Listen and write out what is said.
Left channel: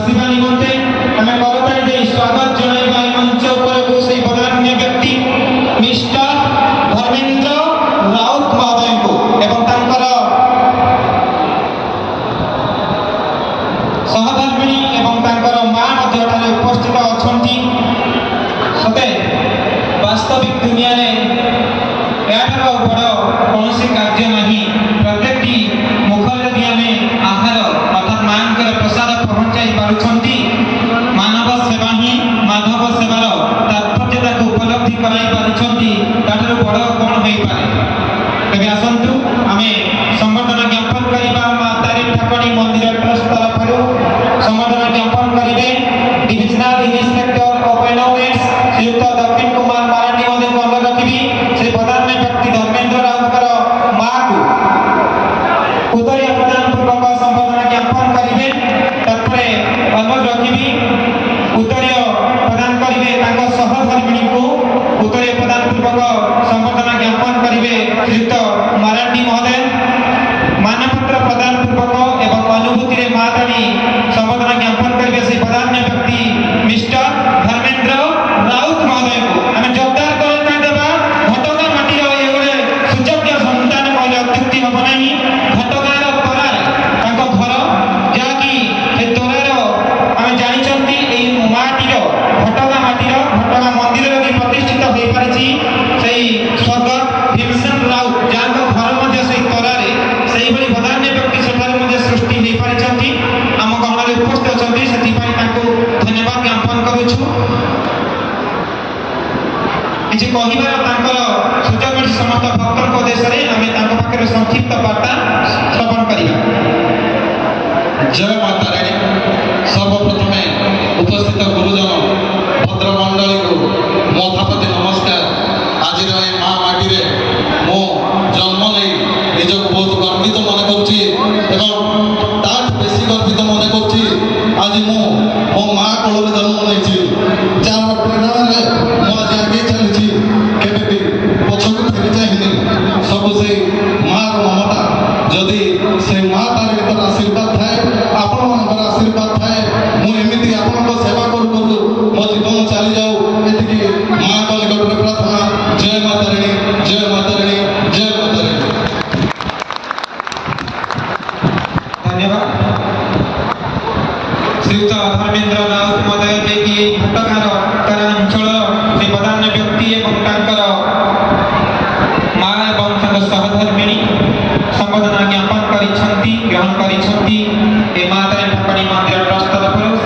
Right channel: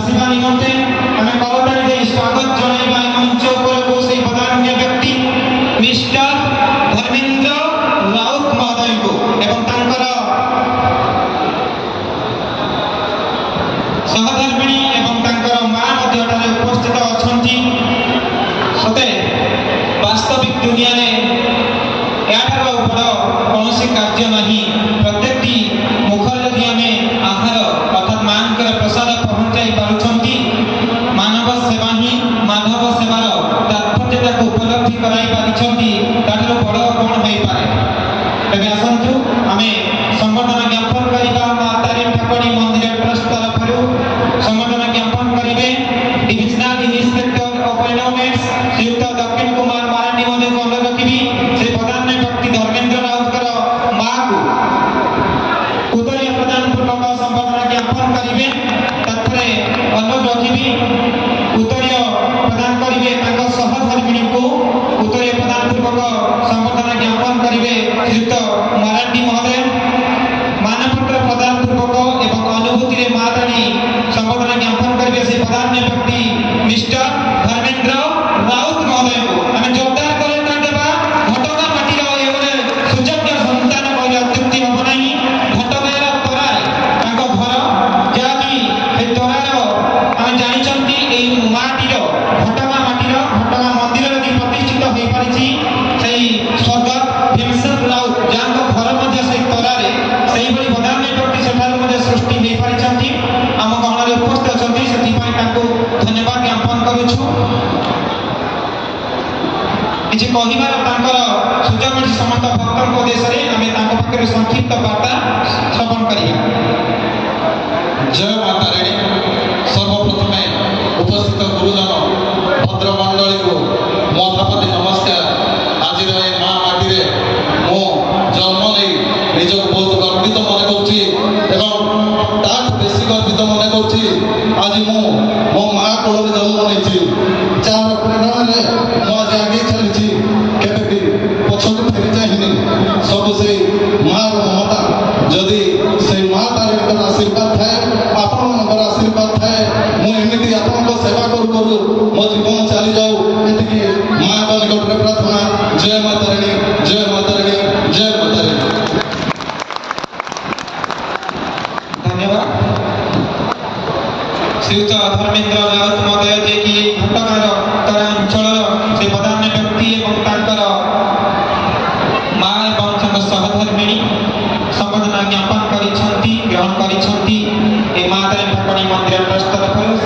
आसीबा निमंते आमे करताली दे स्वागत जणाइबा मंच उपरको से बदान्य व्यक्ति मिस्टर धर्मेंद्र राउत महोदय को एवं तांकर सहधर्मिणी एवं तांकर मां मध्यठारे उपस्थित अछंती। सते वास्तविक दुनिया ने याठार बड़ कौन कार्य नहीं। प्रत्येक मुखर यदि आम आहार अर्थात मां प्रसाद पहुंचाई पारुछंती मानव सेवा ही माधव सेवार तात्पर्यता को उपलब्धि कराई पारिछंती ताठर बड़ कौन होई पारे। तबे आसंतु आमे संबर्धना ज्ञापन करिबा मां तारिणी ठाकुराणी मंदिर ट्रस्ट तरफरु संबर्धना ज्ञापन करिवे डिविजनल इंस्पेक्टर ऑफ एनोवेट्स श्रीयुक्त दक्षिण कुमार मारांडी महोदय को अनुरोध रखिबी श्री प्रधान व्यक्ति धर्मेंद्र राउतर मां को उदय प्रदान पूर्वक संबर्धना ज्ञापन करिवे। तत्परे अनुरोध रखिबी उत्तरीय प्रदान करिवे तांको सहधर्मिणी को उत्तरीय प्रदान पूर्वक संबर्धना ज्ञापन करिवे श्रीयुक्त मारांडी महोदय। मानपत्र प्रदान पूर्वक एवं अनुभूति रे माताणी संबर्धना ज्ञापन करिवे से प्रधान व्यक्ति मिस्टर धर्मेंद्र राउत महोदय को आमे जोरदार करे तांदेबा। घटगा माटीर एगोटे सुयोग्य संतान कहले अत्युक्ति हबो नाही। घटगार तोरार तांको घर जाकी ए तोरार आमे जानिचंती ए माटीर घटगा मंदिर रे प्रतिष्ठित होई पारिछि सेही स्वर्गत भीमसेन राउत जांको घर मध्ये सेही तोरारे सेही बड़ी प्रधान व्यक्ति सेठार मध्ये सृष्टि होई पारिछंती। आम गणरे उपस्थित अछंती सेति पई तांको धन्यवाद ज्ञापन करूछु। किछि कहिबार तांकर सुजोग मिली समस्त भक्तक उद्देश्य आमे तांको पाखरे संक्षिप्त वार्ता श्रवण करिया। जय माता रानी। सर्वप्रथमे उपस्थित गुरुजन भद्रमंडली को मो प्रति नमस्कार। आज माँ माटी रे मो जन्म नहीं निज बहुत गर्वित मन कर बेसी गर्वित मन कर आज मो माँ कोल जन्म नहीं जार प्रेरणा मो आज आगे चली केवे भी पछक फेरी चाहिए सब से माँ ममता जदि से माँ तार आशीर्वाद थाए आपण मान आशीर्वाद थाए मुझे आपण सेवा करू करू मो जीवन चली जाऊ ये माँ को निकट प्रार्थना। जय माता रानी, जय माता रानी, जय माता रानी। धन्यवाद श्रीयुक्त धर्मेंद्र राउत महोदय जे कि घटगार तरा अंचल से प्रधान व्यक्ति एवं तांकर मां एवं तांकर सहधर्मिणी संबर्धना ज्ञापन करिछंती ग्रहण करिछंती ए माता ठाकुराणी मंदिर ट्रस्ट तरफरु